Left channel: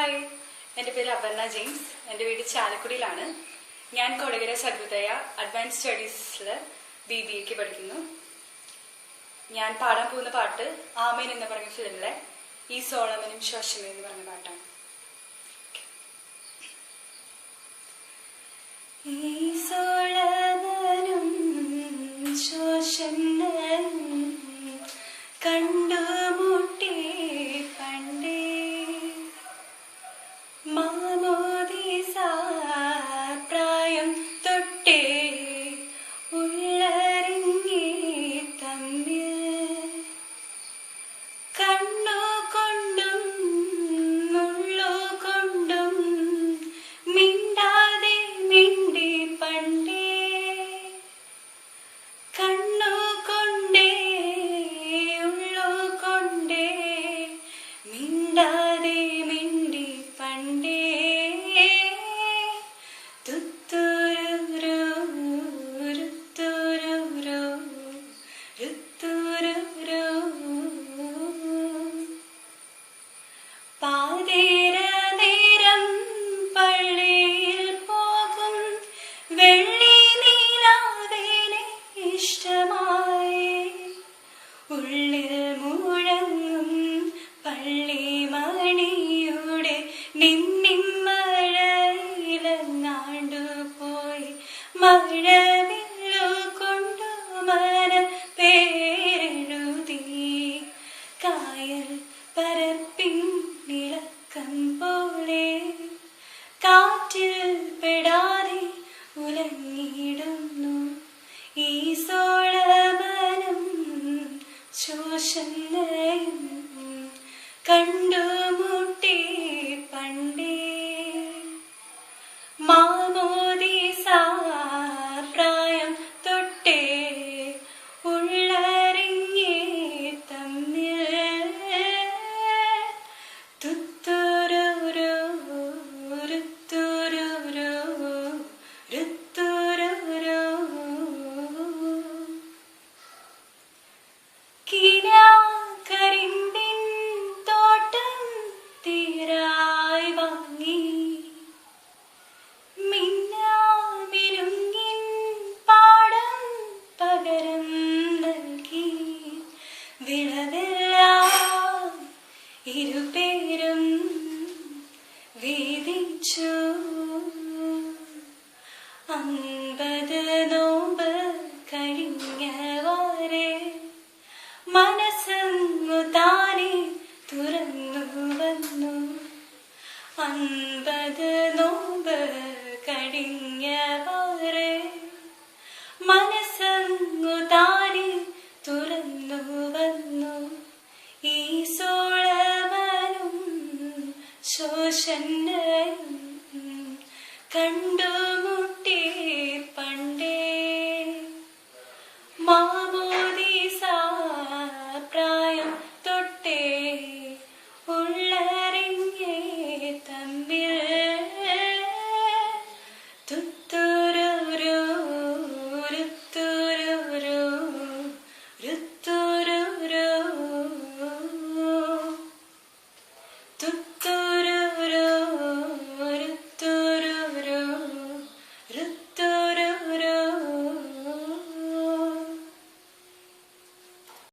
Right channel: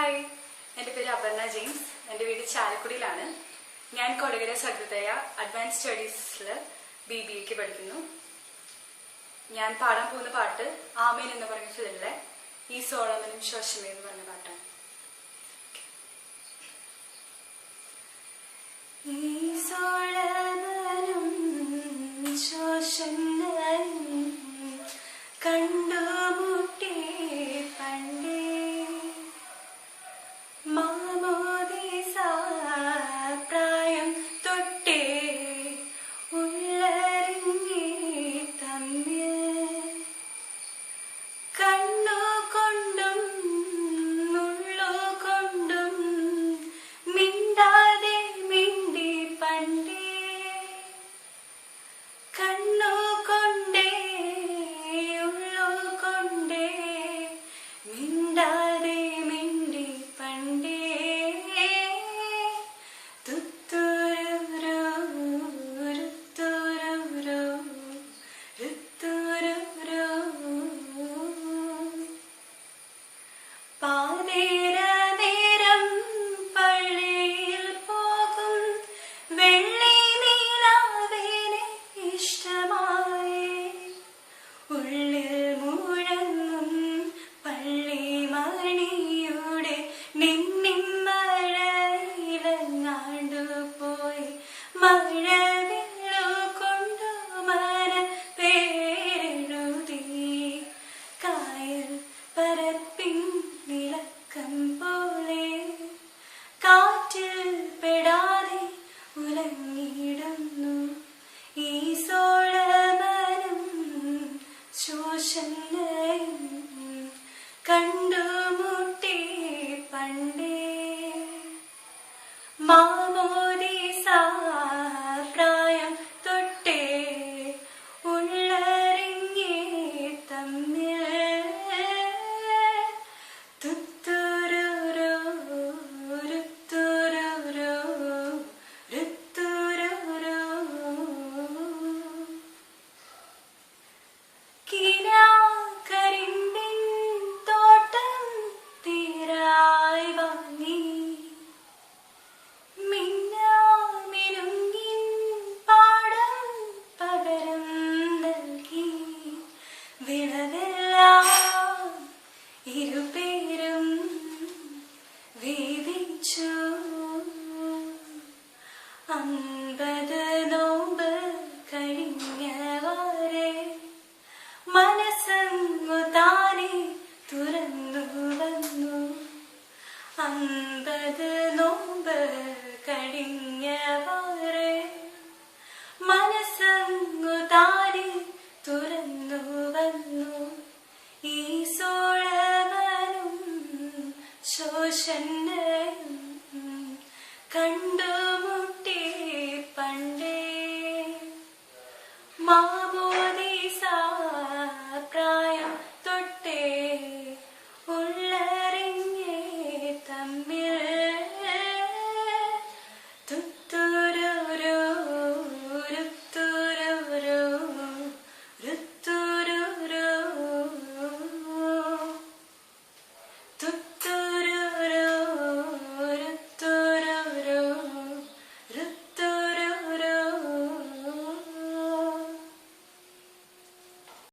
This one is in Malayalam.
ഹായ്, എൻ്റെ പേര് അപർണ ജെയിംസ്. എൻ്റെ വീട് ചാലക്കുടിയിലാണ്. ഞാൻ കൊടകര സഹൃദയ അഡ്വാൻസ് സ്റ്റഡീസിൽ BBA പഠിക്കുന്നു. ഞാൻ പാടാൻ പോകുന്ന പാട്ട് ആമേൻ എന്ന് പറഞ്ഞ ഫിലിമിലെ ഈ സോളമനും ശോഷമേ എന്ന് പറഞ്ഞ പാട്ടാണ്. ഈ സോളമനും ശോഷമനും കണ്ടുമുട്ടി പണ്ടേ മാമോദീസ പ്രായം തൊട്ടേ ഉള്ളറിഞ്ഞി തമ്മിൽ കണ്ണു കൊണ്ടും ഉള്ളു കൊണ്ടും മിണ്ടാതെ മിണ്ടി പണ്ടേ കണ്ണു കൊണ്ടേ ഉള്ളു കൊണ്ടേ മിണ്ടാതെ മിണ്ടി പണ്ടേ പാതിര നേരം പള്ളിയിൽ പോകും വെള്ളി നീലാവിനെ ഇഷ്ടമായി ഉള്ളിൽ മുഴങ്ങും പള്ളി മണിയുടെ നിന്നിമ്മഴയിലങ്ങാണ്ടു പോയി മഴവില്ലു കൊണ്ടു മന പേരെഴുതി കായൽ പരപ്പിൻ നിലക്കം പോലെ കാറ്റിൽ പെടാതെ ഉലങ്ങിടുന്നു ഈ സോളമനും ശോഷമയും കണ്ടുമുട്ടി പണ്ടേ മാമോദീസ പ്രായം തൊട്ടേ ഉള്ളറിഞ്ഞേ തമ്മിൽ തുത്തുരുരു രുത്തുരുരു രുത്തുരുരു കിനാക്കരിമ്പിൻ തോട്ടം തീരായി വാങ്ങി മിന്നാമിരുങ്ങിൻ പാടം പകരം നൽകി വിളവെല്ലാം ഇരുപേരും വീതിച്ചു 50 നോമ്പ് കഴിഞ്ഞവരെ മനസ്സങ്ങു താനെ തുറന്നു വന്നു 50 നോമ്പ് കഴിഞ്ഞവരെ മനസ്സങ്ങു താനെ തുറന്നു വന്നു ഈ സോളമനും ശോഷമയും കണ്ടു